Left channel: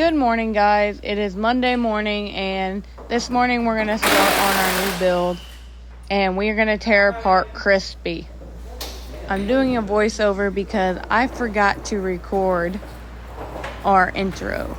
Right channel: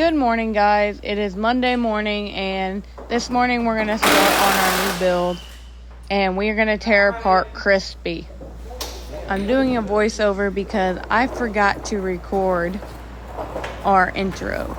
Good morning, guys. It is Monday morning, and this morning we're going to start on our new build, and we're going to tear apart Crispy. I'm doing a voiceover because I forgot to record our intro.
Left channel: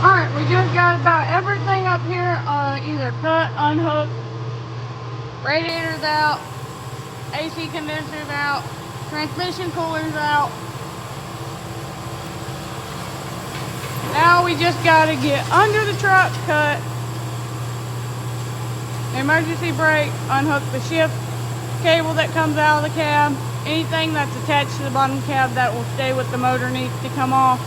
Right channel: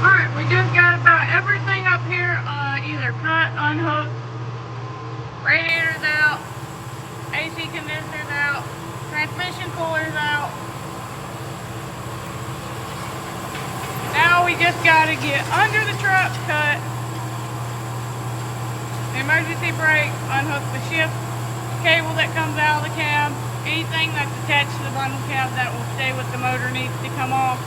Alright, we just got about everything up here either cut, unhooked, radiators out, AC condensers out, transmission coolers out. Now we just got to get under the truck, cut the emergency brake, unhook the shift cable that comes out of the cab. Anything that's attached to the bottom cab that will stay with the motor needs to come off.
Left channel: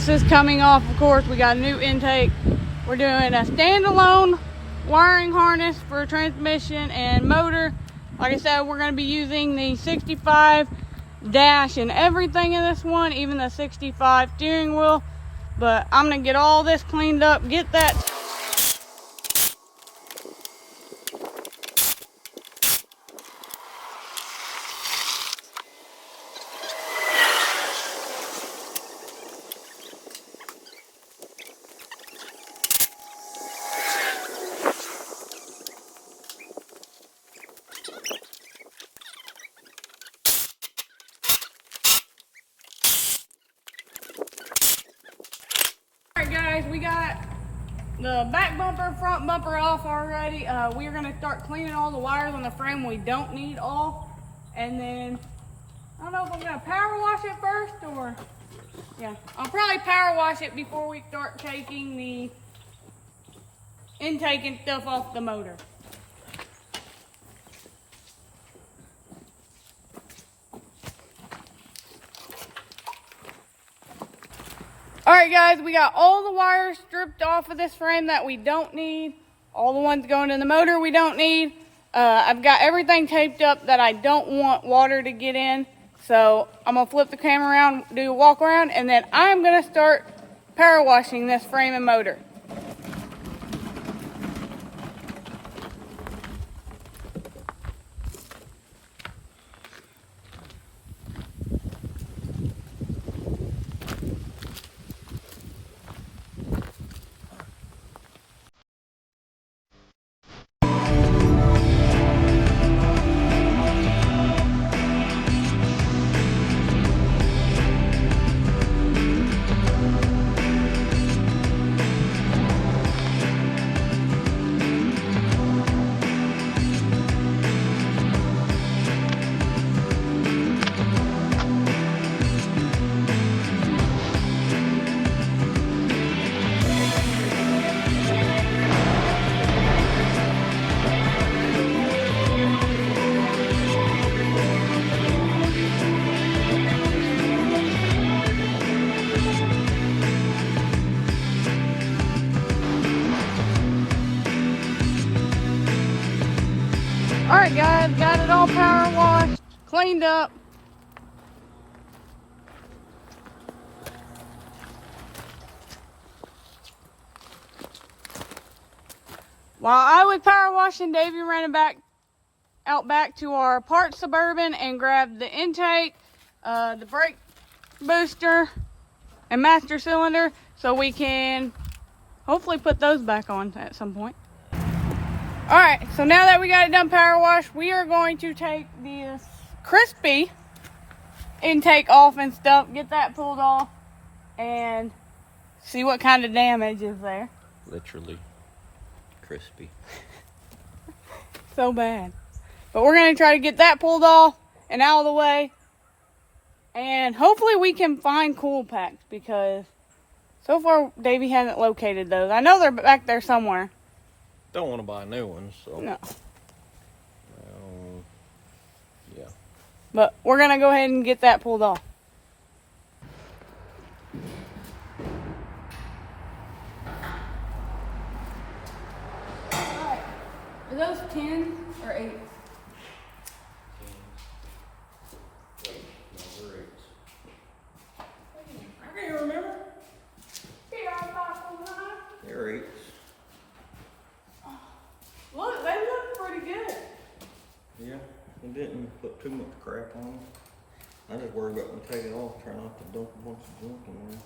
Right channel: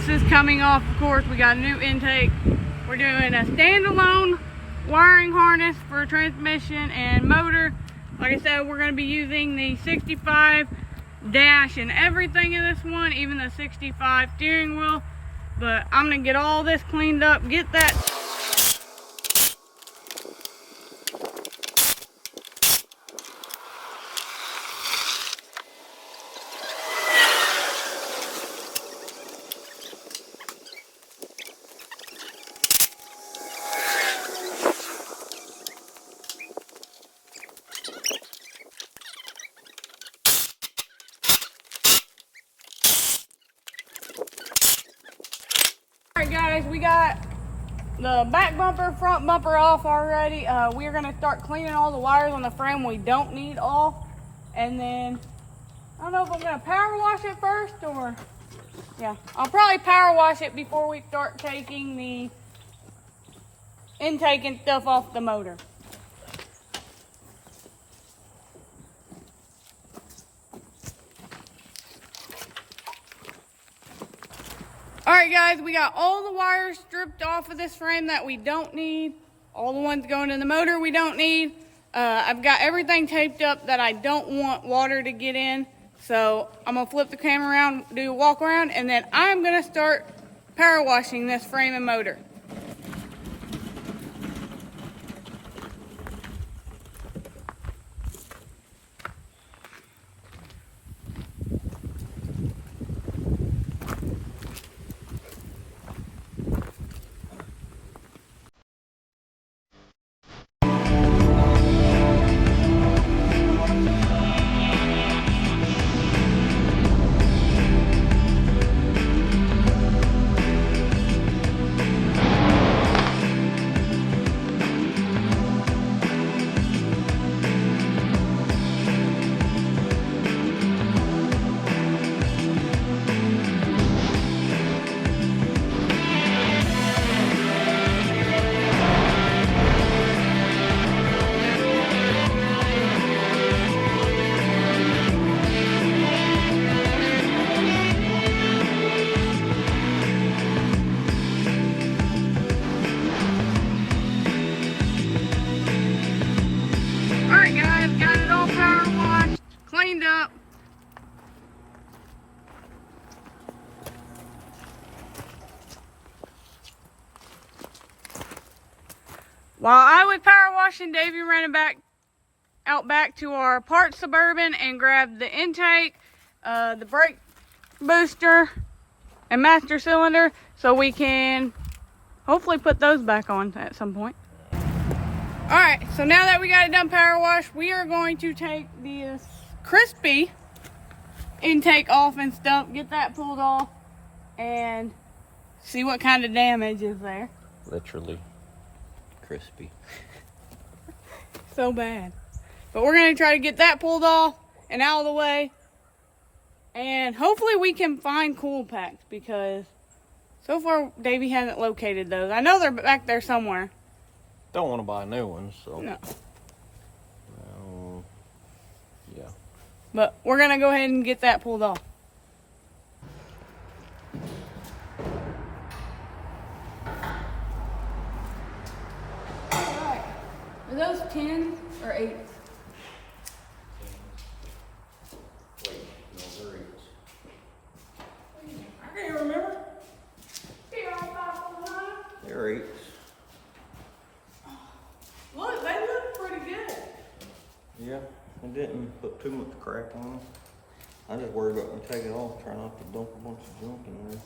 this is coming off, of course. We got a new intake. We're doing a standalone wiring harness for transmission and motor. Like I said, we're going to be using the 65 dash and everything in this one, even the 65 steering wheel. But I'm going to get all this cleaned up, get that. Alright guys, we got the back bumper, front bumper off already. We are going to start cleaning all the wires on the frame we don't need off. And then, I don't know if I'm going to power wash it first or... Yeah, I'll probably power wash it before we start taking the intake and stuff off the motor. Alright guys, we got all the wires stripped off of this frame that we don't need. All the ones going in the motor we don't need. I've got everything taped up that I don't want water to get in. So I'm going to flip the camera around, do a walk around, and then I'm going to start power washing this frame and motor. Alright guys, got it all power washed, cleaned up. While I was power washing, Davey ran out back to our parts Suburban and grabbed the intake, the brake booster, and master cylinder so we can hopefully put those back on at some point. Alright, so now that we got it done power wash, we are going to take this crispy intake off and stuff, get that pulled off, and see what kind of damage is there. Literally crispy. So bad. But we're going to try to get that pulled off and out of the way. And hopefully we can find cool packs because so far Davey hasn't located those. I know they're back there somewhere. Don't want to buy new ones, so. No. Well, yeah. But we're going to go ahead and get that pulled off. Alright. Are those 10s or 8s? Wait, no, they're 8s. I can't remember. They're 8s. Look, they look pretty good. Yeah, it didn't put too much crack on them. I just worried about when I take it off, trying not to dump a bunch of junk in there.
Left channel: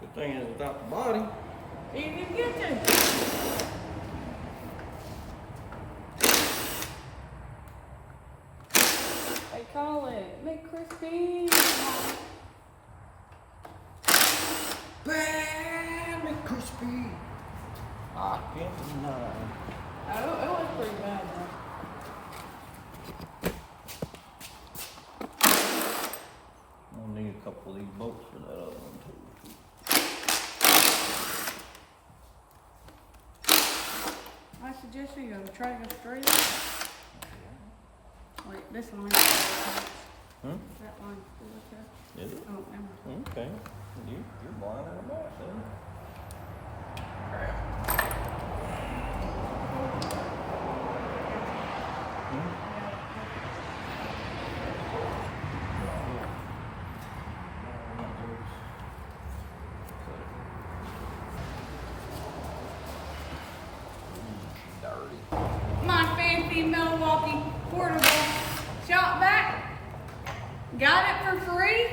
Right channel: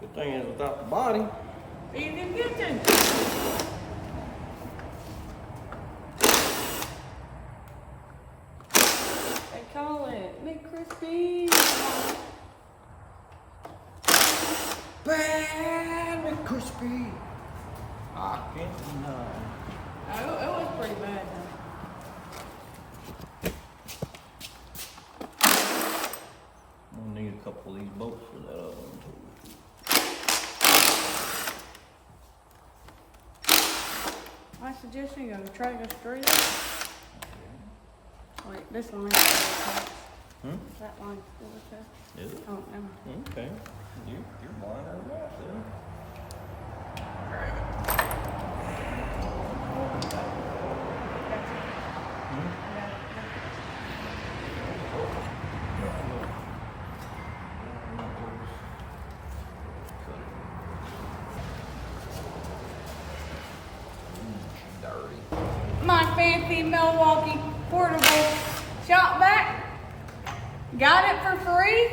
Good thing is without the body. You can get to. They call it McCrispy. Bad McCrispy. I can't deny. Oh, it was pretty bad though. I'll need a couple of these bolts for that other one too. I suggest you go try to go straight up. Wait, this one. That one's still there. Is it? Oh, no. Okay. You're blind out of that then. Dirty. My fancy Milwaukee portable shop vac. Got it for free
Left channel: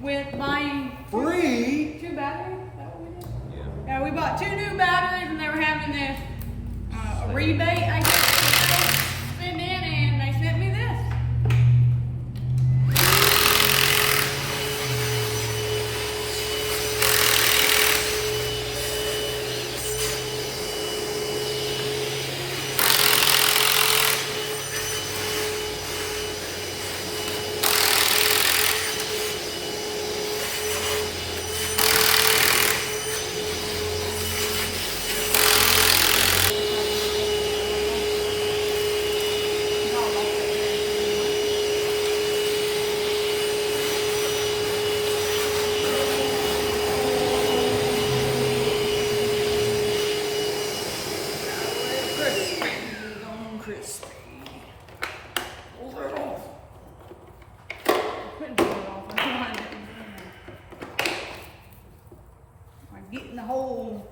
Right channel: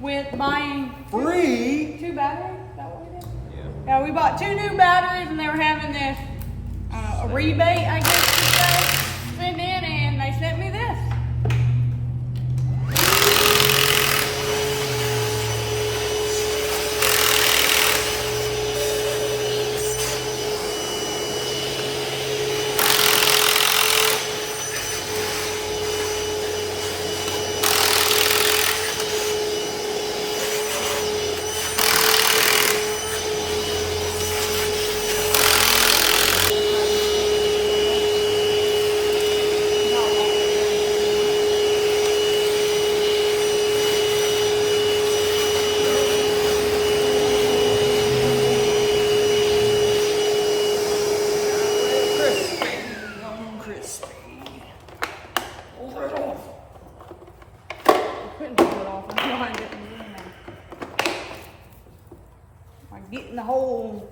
with buying Free? 2 batteries. Is that what we did? Yeah. Yeah, we bought 2 new batteries and they were having this a rebate, I guess you say, sent in, and they sent me this. Crispy. Couldn't pull it off. I'm getting the whole.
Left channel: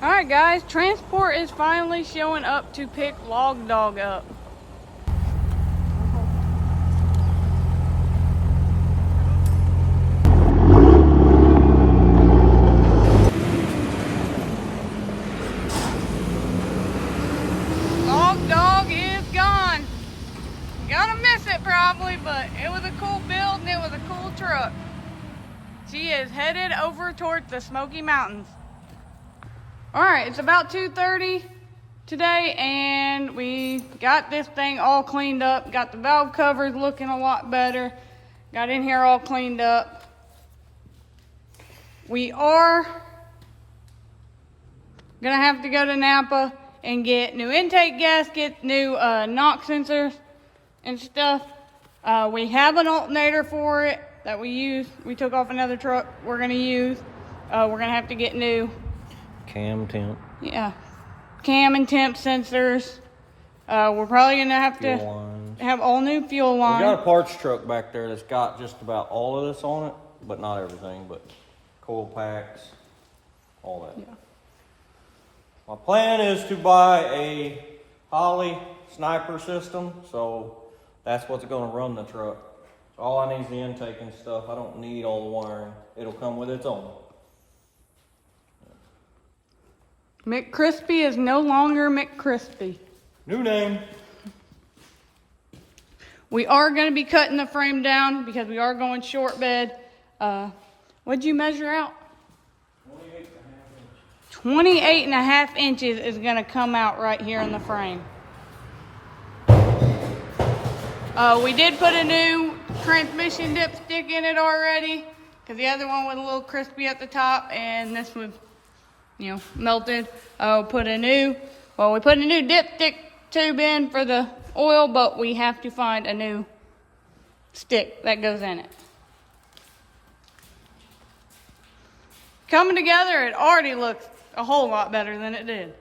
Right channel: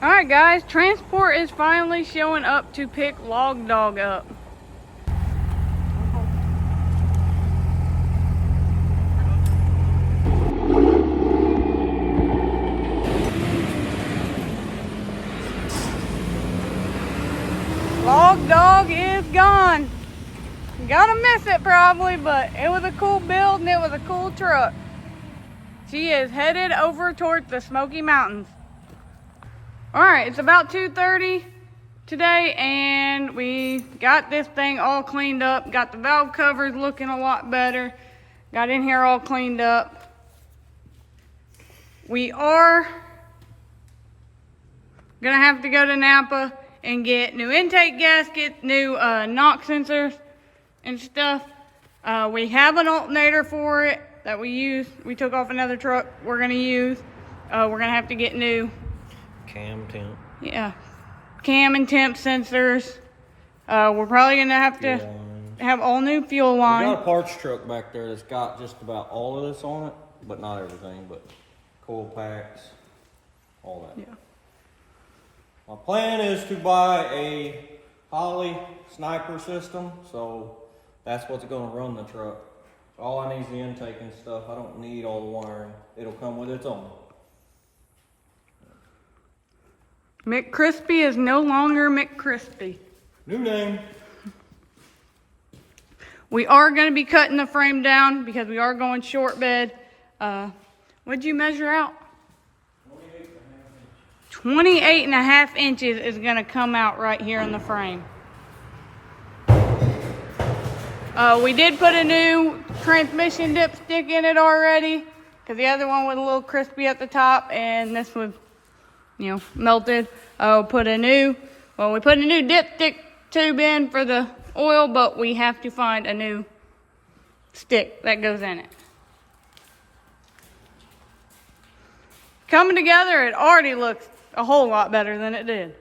All right, guys, transport is finally showing up to pick Log Dog up. Log Dog is gone. Gonna miss it probably, but it was a cool build and it was a cool truck. She is headed over towards the Smoky Mountains. All right, it's about 2:30 today, and we got this thing all cleaned up. Got the valve covers looking a lot better. Got in here all cleaned up. We are gonna have to go to Napa and get new intake gaskets, new knock sensors and stuff. We have an alternator for it that we took off another truck we're gonna use. We're gonna have to get new Cam temp. yeah, cam and temp sensors. We're probably gonna have to have all new fuel We line. got a parts truck back there that's got just about all of this on it, but not everything, but coil packs, all that. Yeah. My plan is to buy a Holly sniper system, so that's what's gonna run the truck. All I need is the intake and stuff. I don't need all the wiring. It'll come with its own. McCrispy is no longer McCrispy. New name. We are going to be cutting the frame down because we are going short bed. What'd you measure out? 28.5 inches is going to come out right here in the frame. We did put a new transmission dipstick in it already because the other one was a little crispy at the top and this was, melted. We put a new dipstick tube in for the oil, but we have to find a new stick that goes in it. Coming together, it already looks a whole lot better than it did.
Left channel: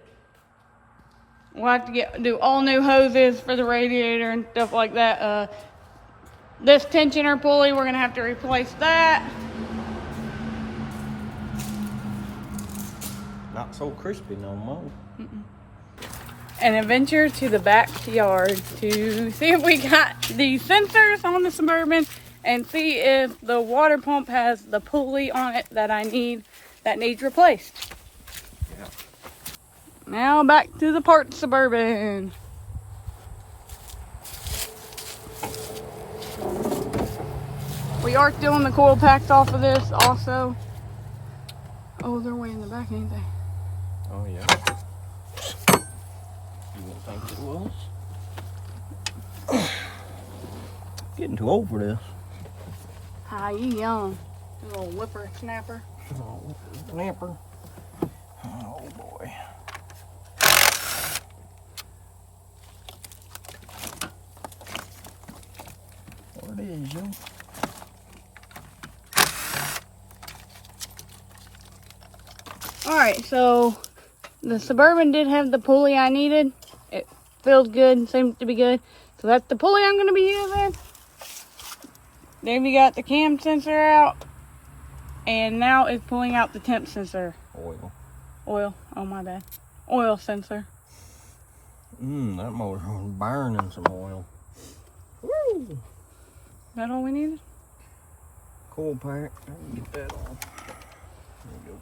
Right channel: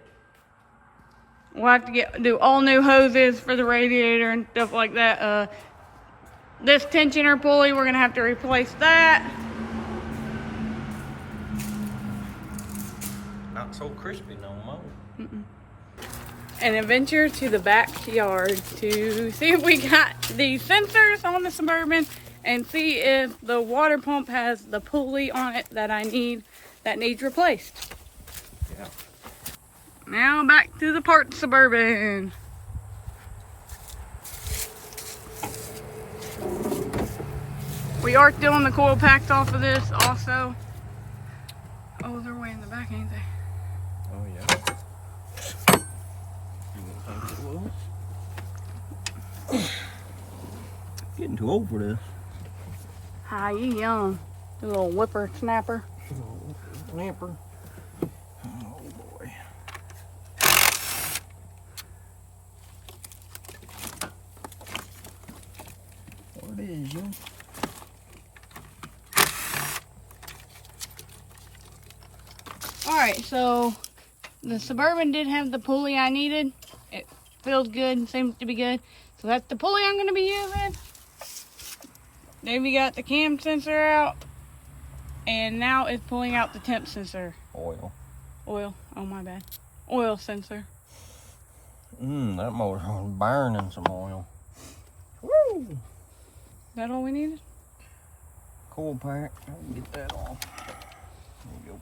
We'll have to do all new hoses for the radiator and stuff like that. This tensioner pulley, we're gonna have to replace that. Not so crispy no more. An adventure to the backyard to see if we got the sensors on the Suburban and see if the water pump has the pulley on it that I need, that needs replaced. Yeah. Now back to the parked Suburban. We are stealing the coil packs off of this also. Oh, they're way in the back, ain't they? Oh yeah. You wouldn't think it was. Getting too old for this. Hi, you young. You little whipper snapper. Oh, snapper. Oh boy. What it is, yo? Alright, so the Suburban did have the pulley I needed. It feels good, seems to be good. So that's the pulley I'm going to be using. Davey got the cam sensor out. And now it's pulling out the temp sensor. Oil. Oil, oh my bad. Oil sensor. That motor's burning some oil. Woo! Is that all we needed? Coil pack. Let me get that off. There you go.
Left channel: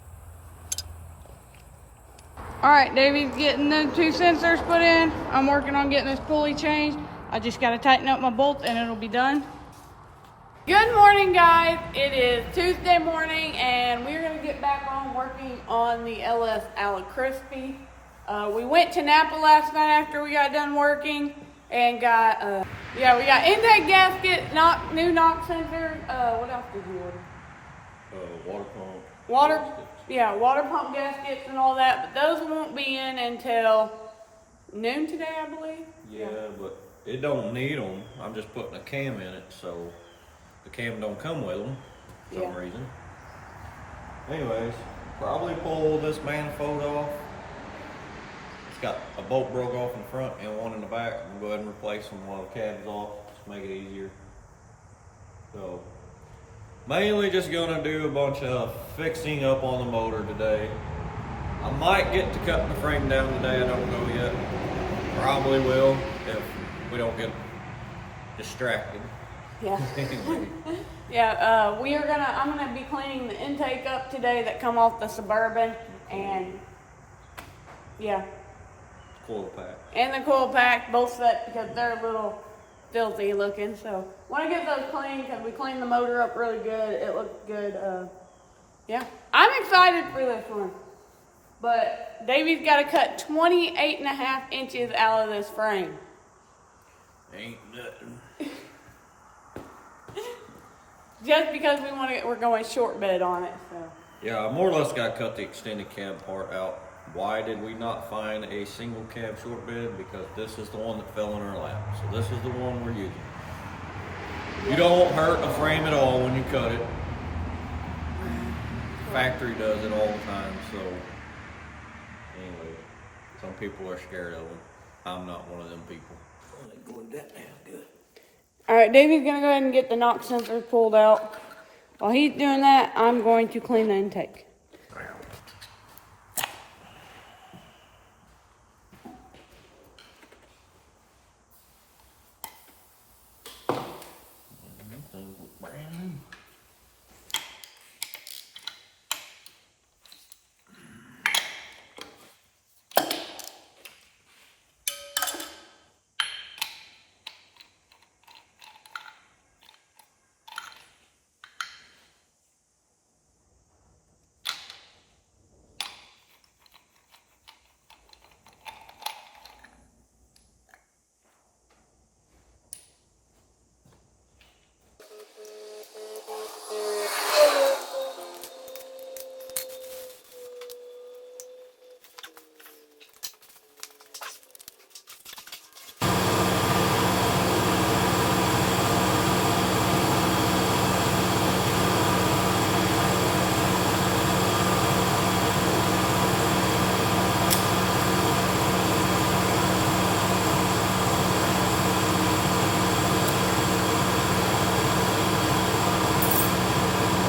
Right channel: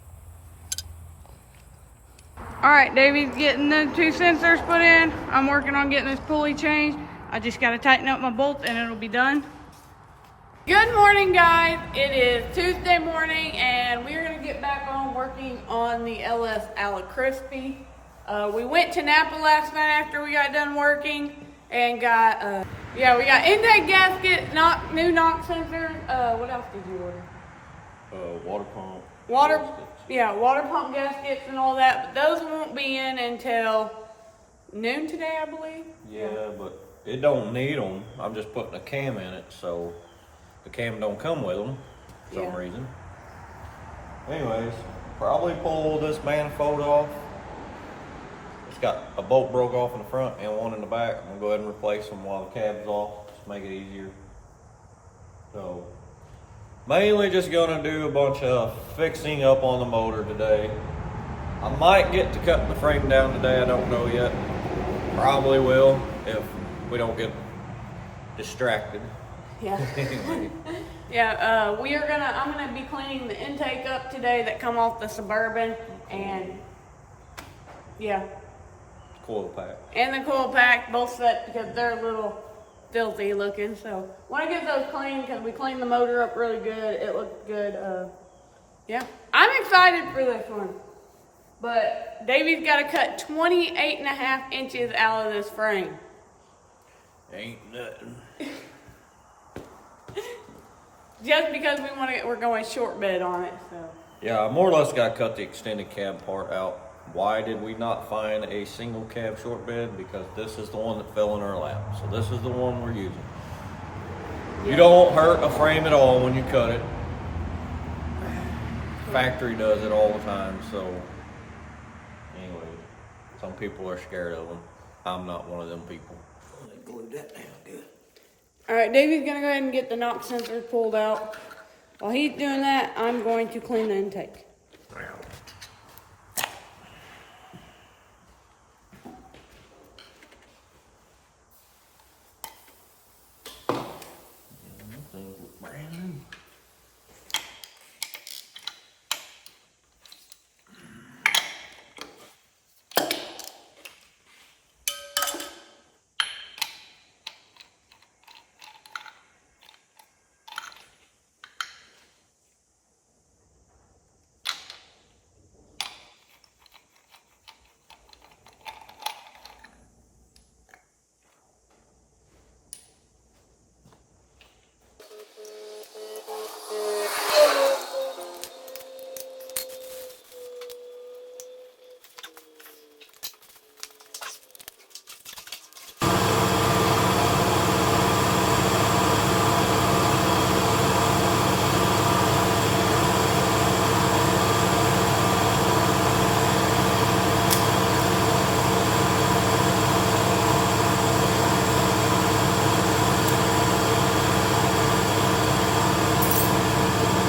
Alright, Davey's getting the two sensors put in. I'm working on getting this pulley changed. I just got to tighten up my bolts and it'll be done. Good morning, guys. It is Tuesday morning and we're going to get back on working on the LS McCrispy. We went to Napa last night after we got done working and got, we got intake gasket, new knock sensors. What else did you order? Water pump. Water pump gaskets and all that, but those won't be in until noon today, I believe. Yeah, but it don't need them. I'm just putting a cam in it, so the cam don't come with them for some reason. Anyways, probably pull this manifold off. It's got a bolt broke off in the front and one in the back. I'm gonna go ahead and replace them while the cab's off to make it easier. So, mainly just gonna do a bunch of fixing up on the motor today. I might get to cut the frame down today, I don't know yet. Probably will if we don't get distracted. Yeah. I'm gonna be cleaning the intake up today that come off the Suburban and Coil pack. and the coil pack, both set because they're a little filthy looking. So want to get those clean because we cleaned the motor up really good. It looked good. I'm excited for this one. But Davey's got to cut 28.5 inches out of this frame. Ain't nothing. Just because we're going short bed on it, so. Yeah, I more or less got to cut the extended cab part out. Why did we not find a single cab short bed? Because this is the one that fell in our lap. So this is the one we're using. You don't hurt a frame at all when you cut it. Factory does it all the time, so anyway, some people are scared of them. I'm not one of them people. Oh, they glued that down good. Alright, Davey's gonna go ahead and get the knock sensor pulled out. While he's doing that, I'm going to clean the intake. Things look brand new.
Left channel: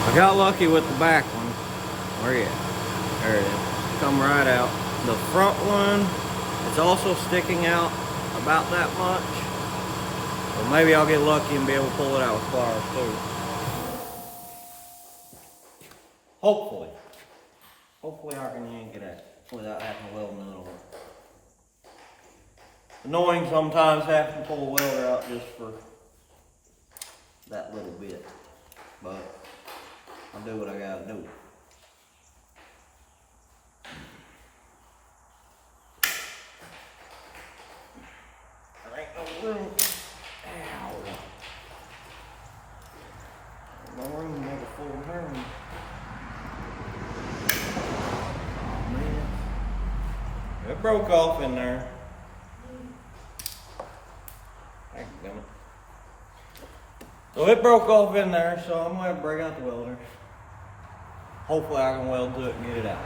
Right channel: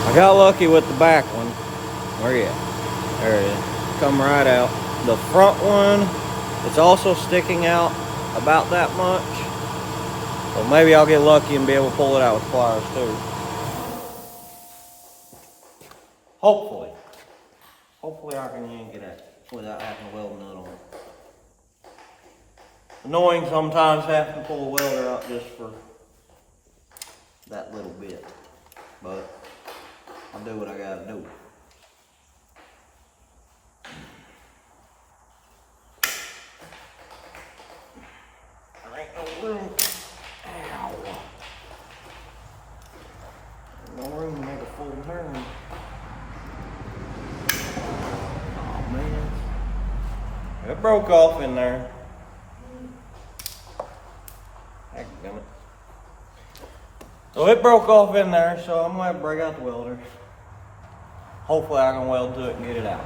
I got lucky with the back one. Where you at? There it is. come right out. The front one is also sticking out about that much. So maybe I'll get lucky and be able to pull it out with pliers too. Hopefully. Hopefully I can yank it out without having to weld nut on it. Annoying sometimes having to pull the welder out just for that little bit. But I'll do what I gotta do. There ain't no room. Ow. Ain't no room to make a full turn. Oh man. It broke off in there. Dadgummit. So it broke off in there, so I'm gonna break out the welder. Hopefully I can weld to it and get it out.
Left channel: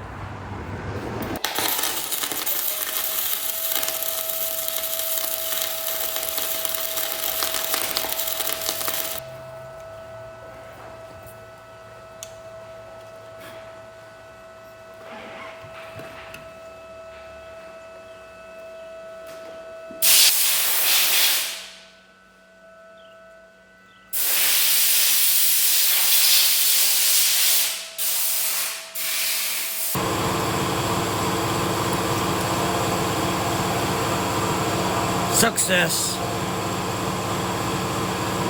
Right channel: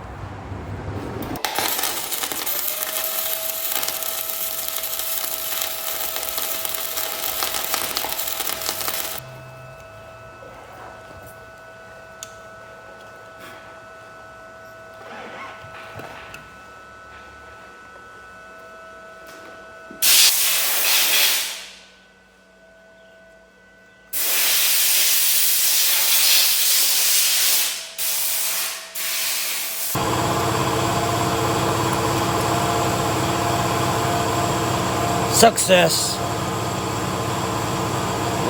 Success.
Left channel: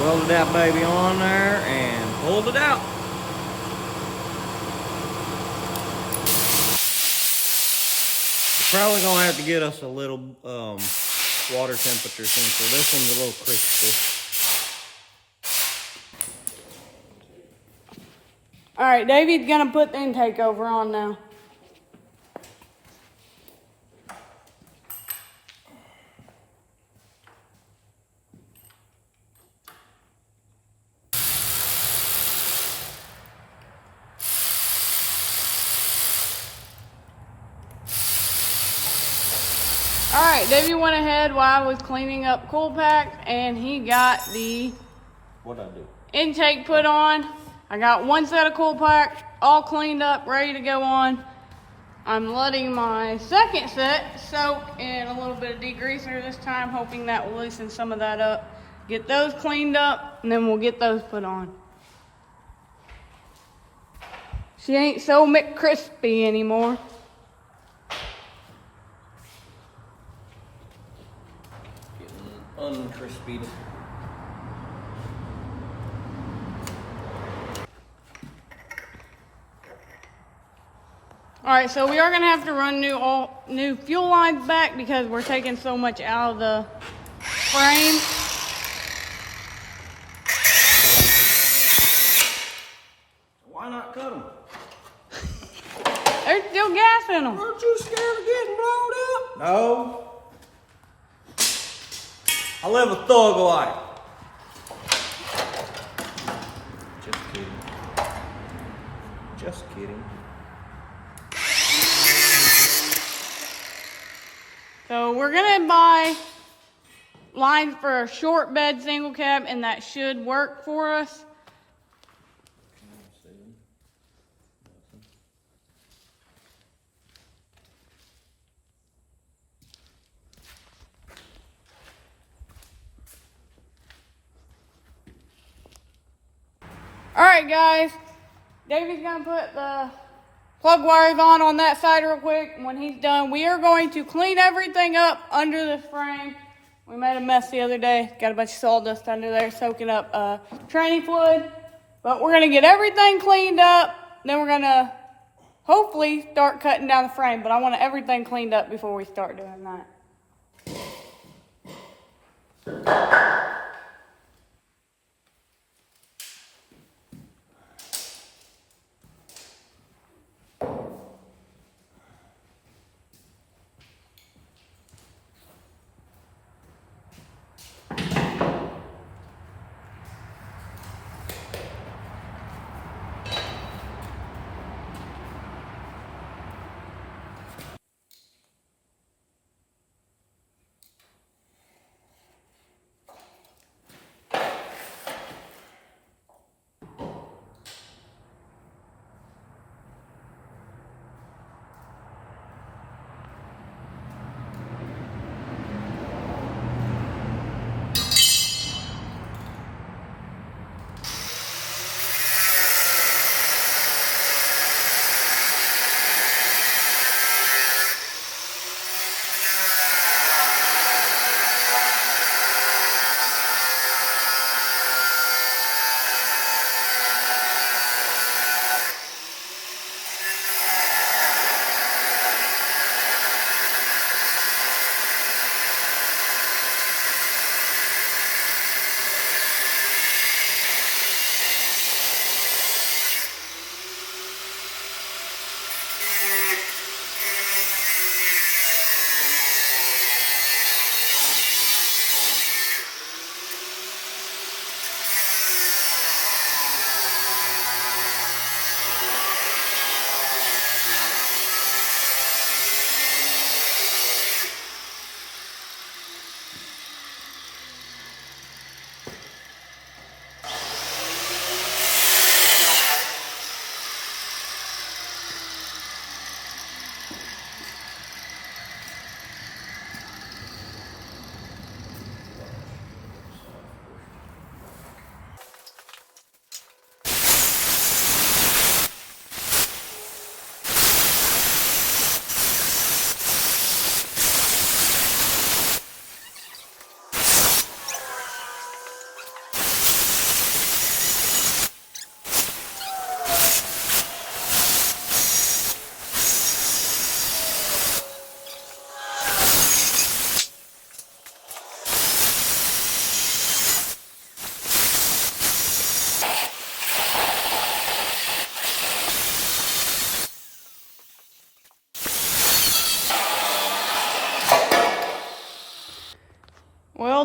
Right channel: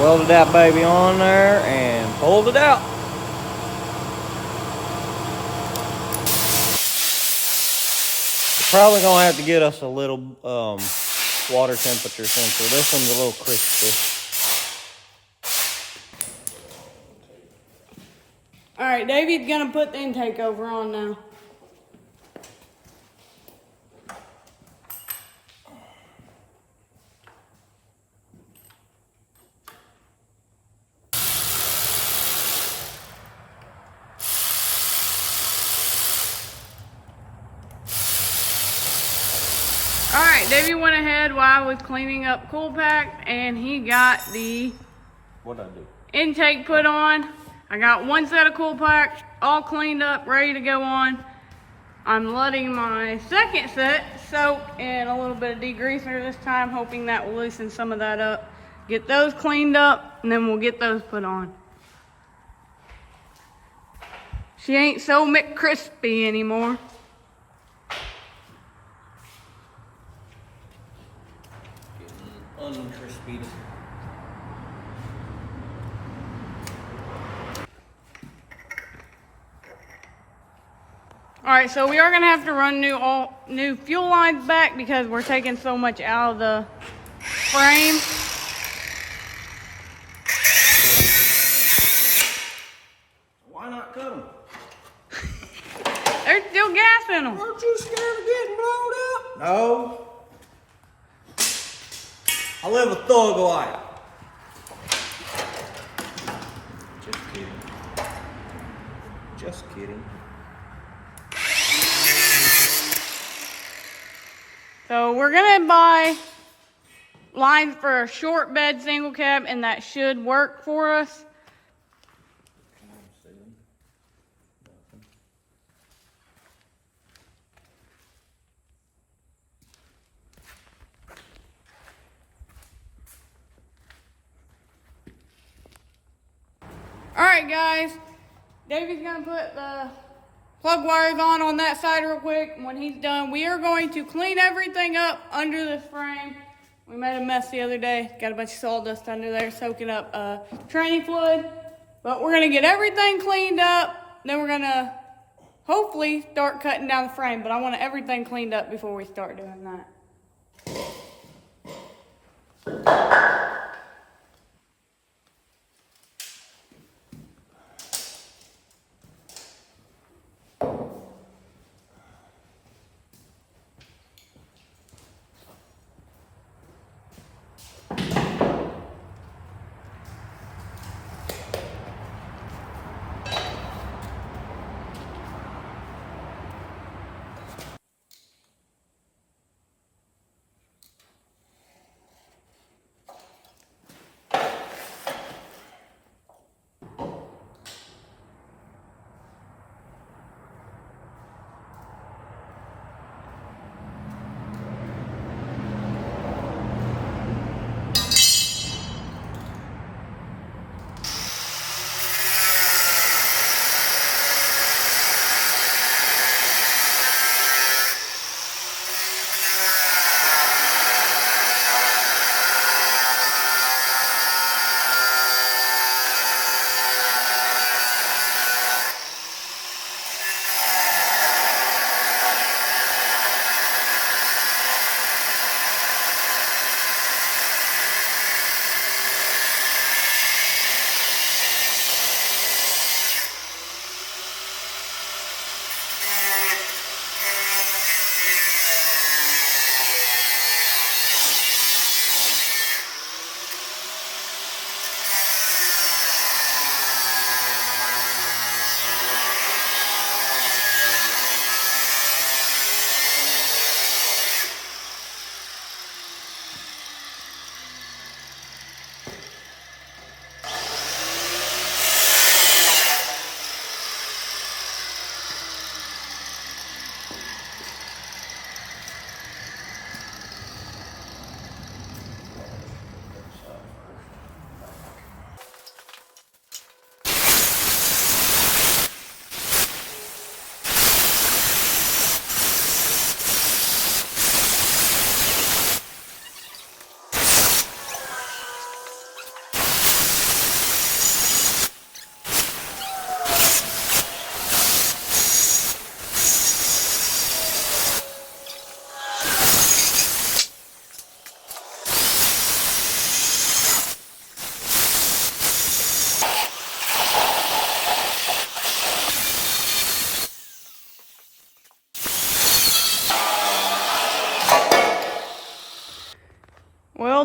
Welded that baby on there and pulled it out. We're probably gonna have to get us a little water temperature sensor. This one's a little crispy. All right, Davey's gonna put the intake over on now. All right, Davey went ahead while I was cleaning up Cool Pack, and he got the What'd I do? intake put on. I got one set of Cool Pack all cleaned up, ready to go on. I'm letting my second set soak in a little bit of degreaser this time, hoping that will loosen some of that up. Get those cleaned up, and then we'll get those put on. She ain't so McCrispy anymore. Uncrispy. All right, so we are gonna have to run new fuel lines back because we're taking so much out of the frame. Why not cut them? There's still gas in them. Aren't you scared of getting blown up? No. I live a thug life. Just kidding. Just kidding. So we're gonna buy lines for a short bed single cab, and that should work for us. All right, guys. Davey's gonna put the plug wires on that side real quick. When he's done, we are going to clean everything up under this frame. We made a mess the other day. Got a bunch of sawdust under there soaking up training fluid. But we're gonna get everything cleaned up. Then we're gonna hopefully start cutting down the frame. But I want everything cleaned up before we start doing that.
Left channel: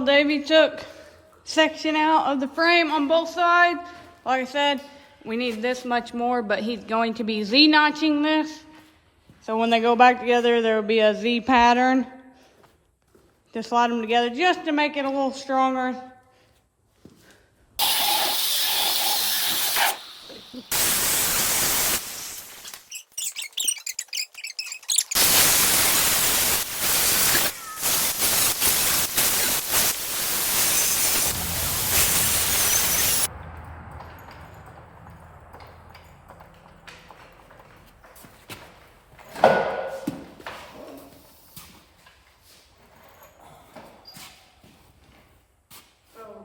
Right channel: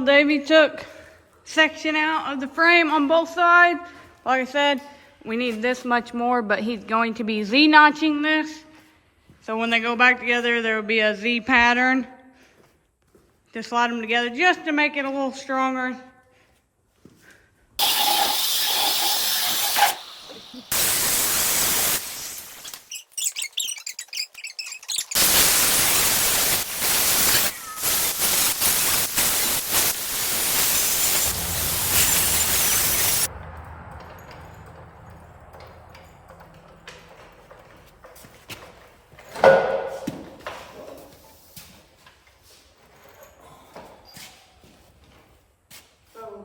Davey took section out of the frame on both sides. Like I said, we need this much more, but he's going to be Z-notching this. So when they go back together, there will be a Z pattern to slide them together just to make it a little stronger.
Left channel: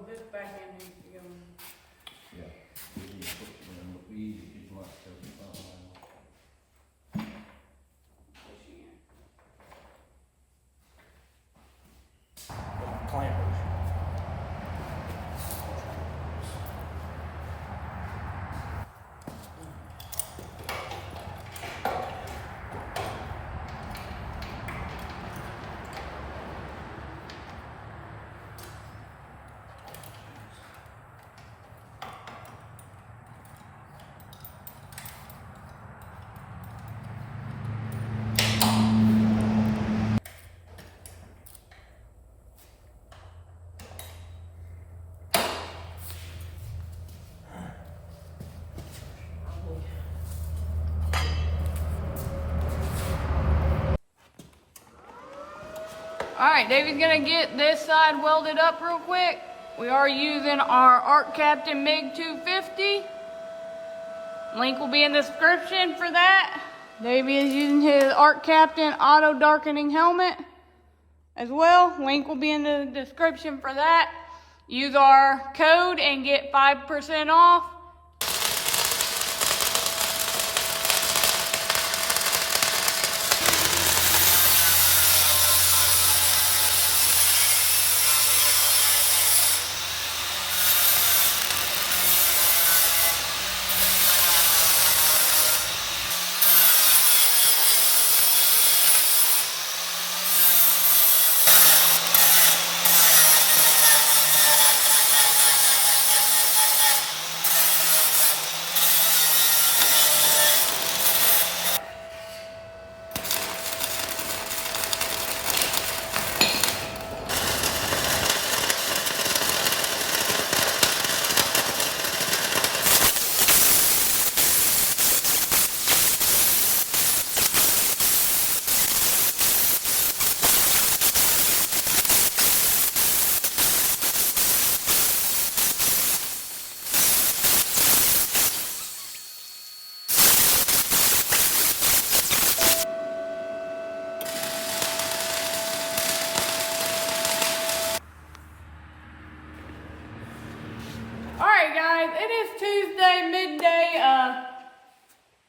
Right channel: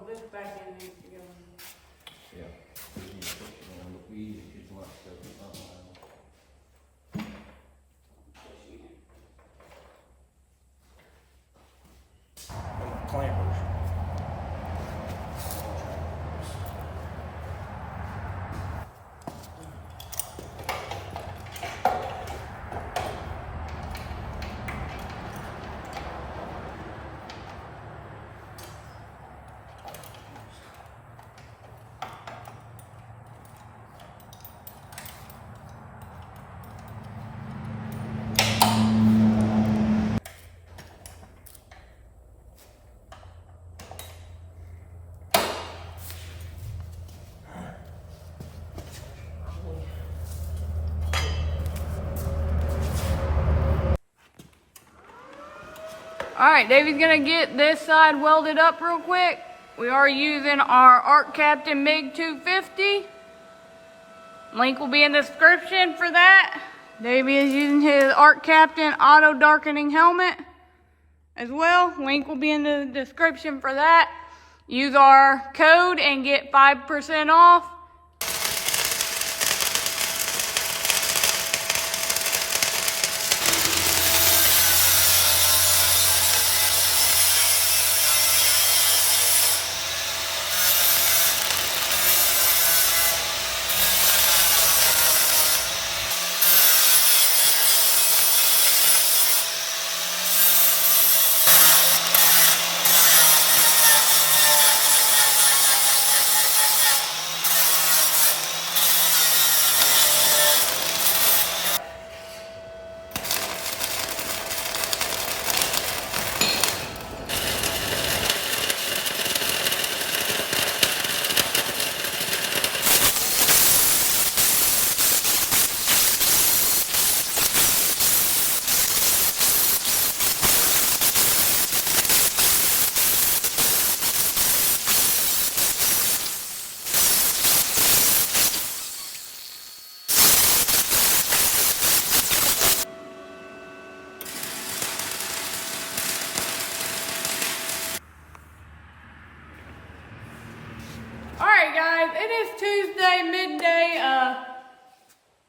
This back end needs to go. Yeah. We need to put it in, but we easy, it's not stuff. My clampers. All right, Davey's gonna get this side welded up real quick. We are using our Arc Captain MiG 250. Link will be in the description for that. Davey is using his Arc Captain auto darkening helmet as well. Link will be in the description for that. Use our code and get 5% off. Alright guys, it is Tuesday midday.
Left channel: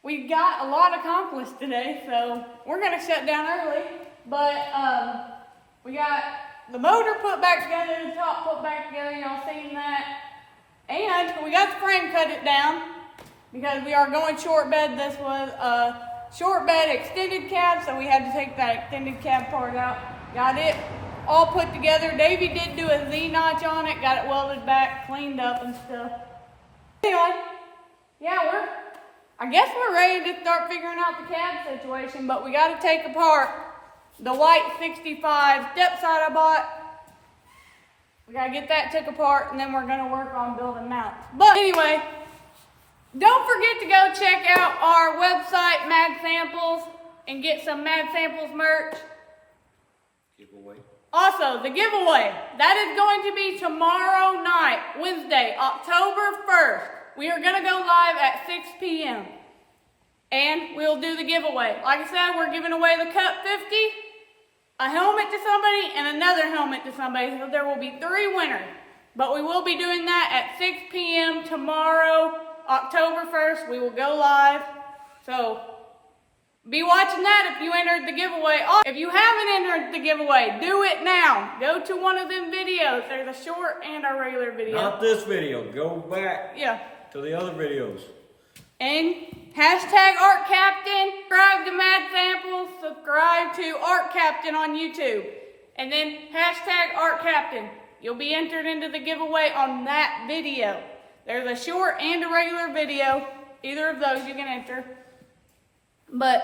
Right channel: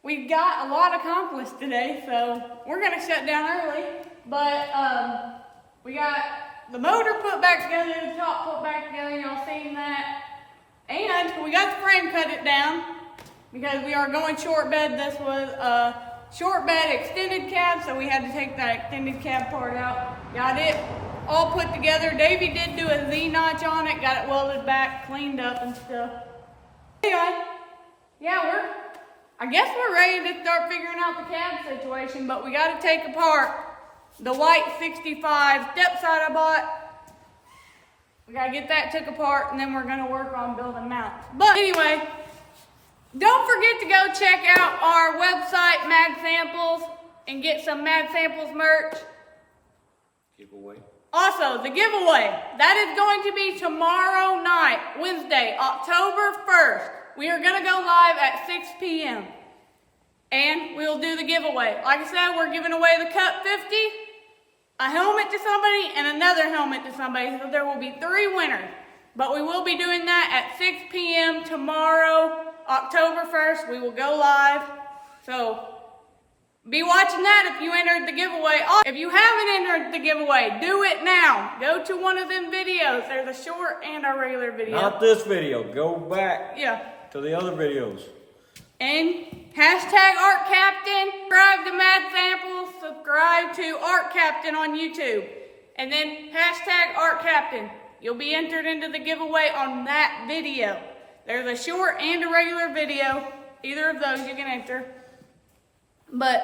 We got a lot accomplished today, so we're gonna shut down early. But we got the motor put back together, the top put back together, y'all seen that. And we got the frame cut it down because we are going short bed. This was a short bed extended cab, so we had to take that extended cab part out. Got it all put together. Davey did do a Z-notch on it, got it welded back, cleaned up and stuff. Anyway, yeah, I guess we're ready to start figuring out the cab situation, but we got to take apart the white 65 step side I bought. We got to get that took apart, and then we're going to work on building mounts. But anyway, don't forget to go check out our website, Mag Samples, and get some Mag Samples merch. Giveaway. Also, the giveaway, that is going to be tomorrow night, Wednesday, October 1st. We are going to go live at 6 p.m. And we'll do the giveaway. Like I said, we're giving away the Cut 50, a helmet to somebody, and another helmet to somebody. So there will be 3 winners. But we will be doing that at 6 p.m. tomorrow, October 1st. We will go live. So be watching that if you entered the giveaway. If you haven't entered the giveaway, do it now. Go to one of them videos. There's a short and a regular video. Not this video. Go back to the other videos. And hashtag Art Captain. Subscribe to Mad Samples. Subscribe to Art Captain on YouTube. And then hashtag Art Captain. You'll be entered into the giveaway on that video. There's a short and a regular video. Either of those you can enter. But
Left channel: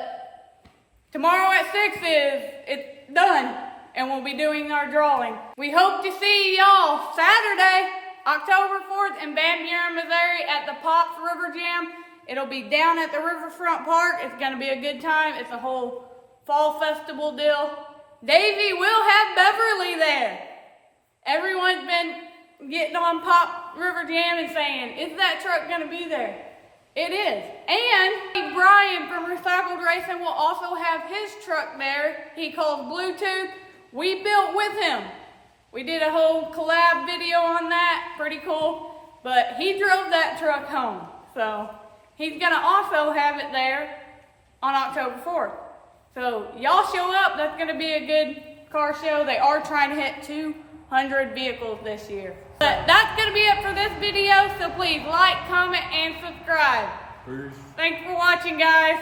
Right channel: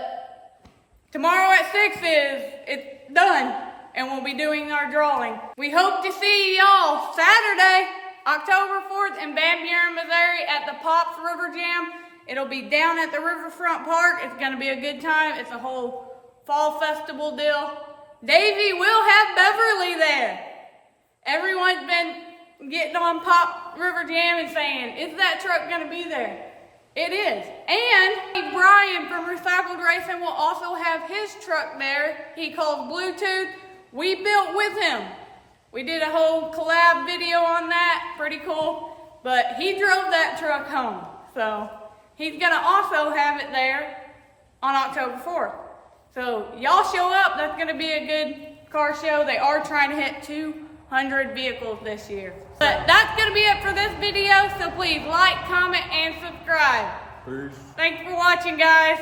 tomorrow at 6 it's done, and we'll be doing our drawing. We hope to see y'all Saturday, October 4th in Van Buren, Missouri at the Pops River Jam. It'll be down at the Riverfront Park. It's gonna be a good time. It's a whole fall festival deal. Davey will have Beverly there. Everyone's been getting on Pop River Jam and saying, is that truck gonna be there? It is. And Brian from Recycled Racing will also have his truck there. He calls Bluetooth. We built with him. We did a whole collab video on that. Pretty cool. But he drove that truck home. So he's gonna also have it there on October 4th. So y'all show up. That's gonna be a good car show. They are trying to hit 200 vehicles this year. But that's going to be it for this video, so please like, comment, and subscribe. Peace. Thanks for watching, guys.